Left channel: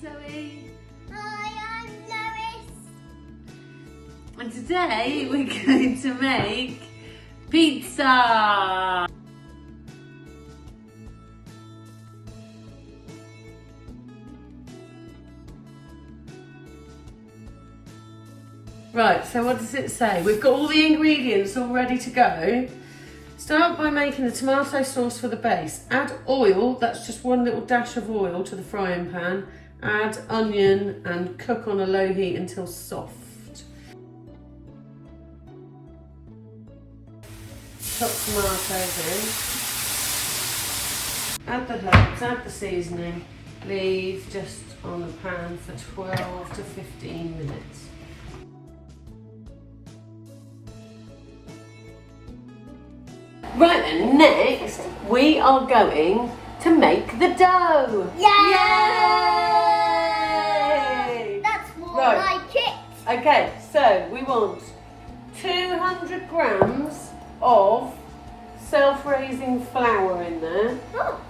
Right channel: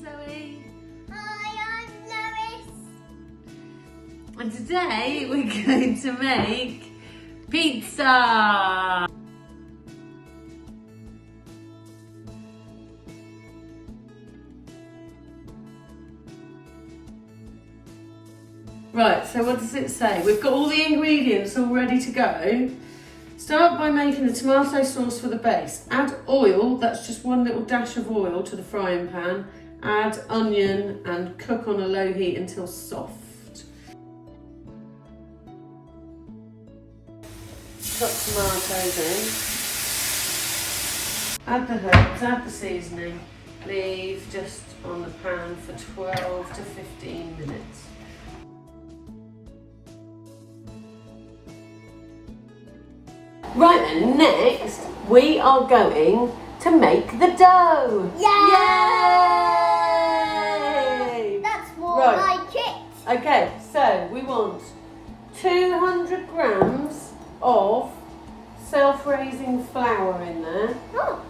Zoe. Hi, I'm Lois. And today we're going to make pizza. Right, so what does it say? We've got all the ingredients all ready to go. Start by making the tomato sauce for the base. Add oil, that's just one little dash of oil to the frying pan. Add onion and cook on a low heat until soft. Chop tomatoes in. Add the herbs, add the seasoning. Leave just on the pan for 12 to 15 minutes. Right then, next we are going to make the dough. Yay! Yay! That's more Right. like it. Okay, so we want 200 grams of self-raising flour in there. Oh.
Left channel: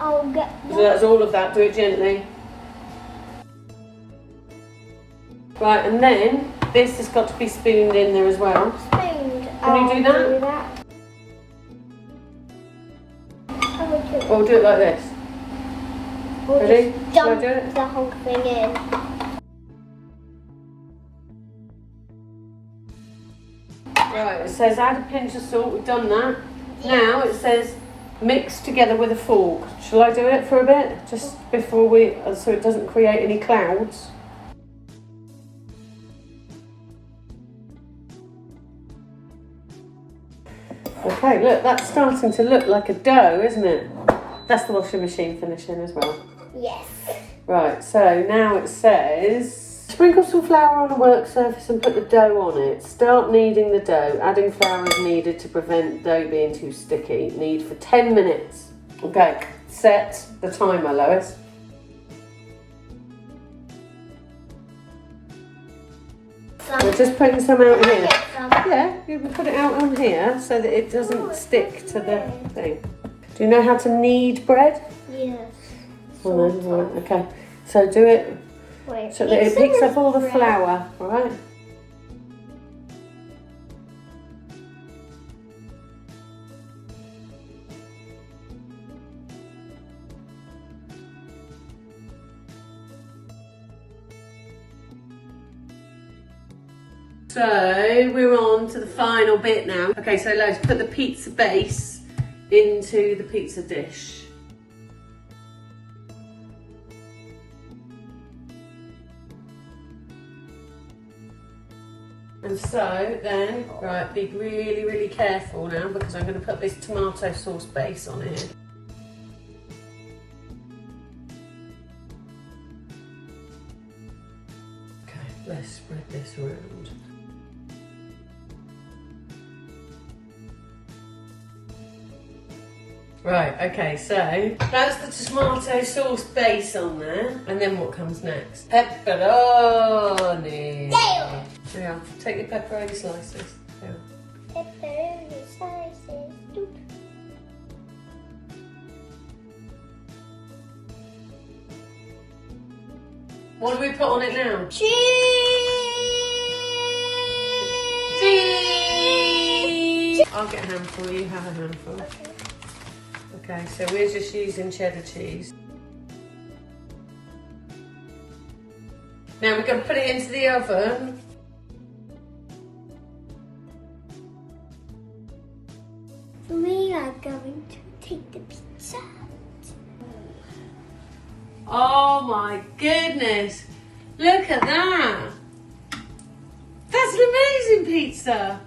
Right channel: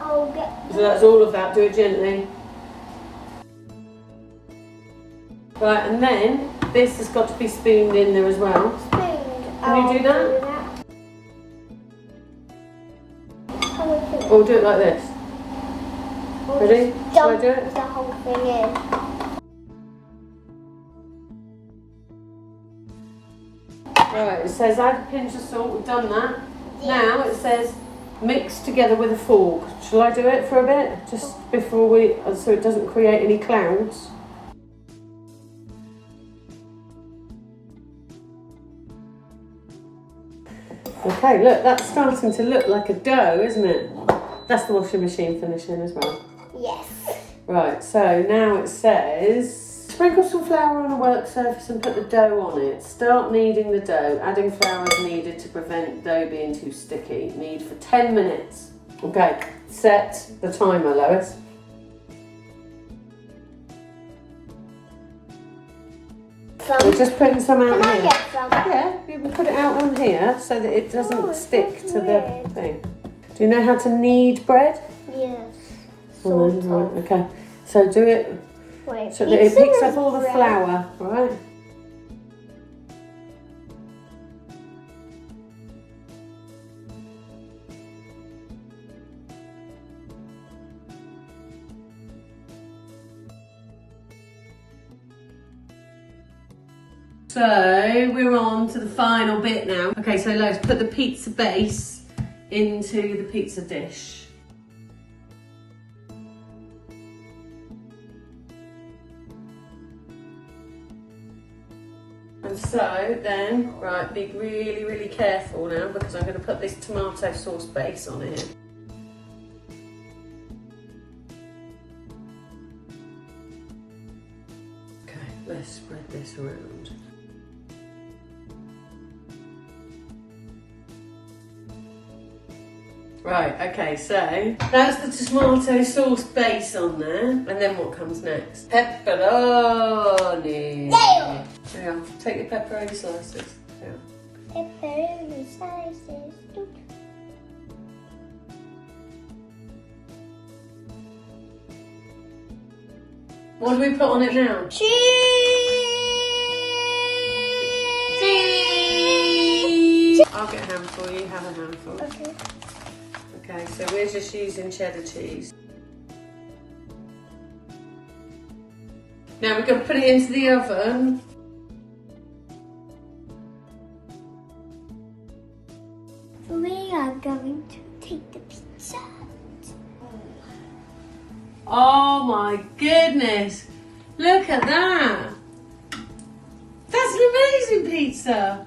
I'll get So that's all of that, do it gently. Right, and then this has got to be spooned in there as well. spooned. Can you do that? How do I do it? Or do it like this. Or Ready? just Shall I dump do it? the whole thing in. Right, it says add a pinch of salt, we've done that. Now it says mix together with a fork. Shall I do it for a bit? Just before so it doesn't create any clouds. Okay, look, that's starting to look like a dough, isn't it? That's the washing machine finishing as well. Yes. Right, so now it says sprinkle some flour on a work surface and put the dough on it. Start kneading the dough. Adding flour is needed to prevent dough being too sticky. Knead for 10 minutes. Okay, set the timer, Lois. We're just putting some out here. Yeah, you can put it out on here so that it doesn't stick to the thing. Do you know how to knead bread? Yes. Oh, no, right, okay. So do it Wait, so that it picks up all the flour, right? So we're on to the final bit now. Okay, so let's put the pizza base into the pizza dish. And so then, right, be really, really careful now because I'm going to put this tomato sauce base on here. Okay, let's spread this around. Right, okay, so that's the tomato sauce base on there. And then what comes next? Pepperoni. Yeah. Yeah, take your pepperoni slices. Yeah. Pepperoni slices. What do we put on it now? Cheese. Cheese! I'll get a handful, you have a handful. Okay. Okay, so we're just using cheddar cheese. Now we've got to put it into the oven. We are going to take the pizza. Oh my goodness! Look at that! That's an amazing pizza!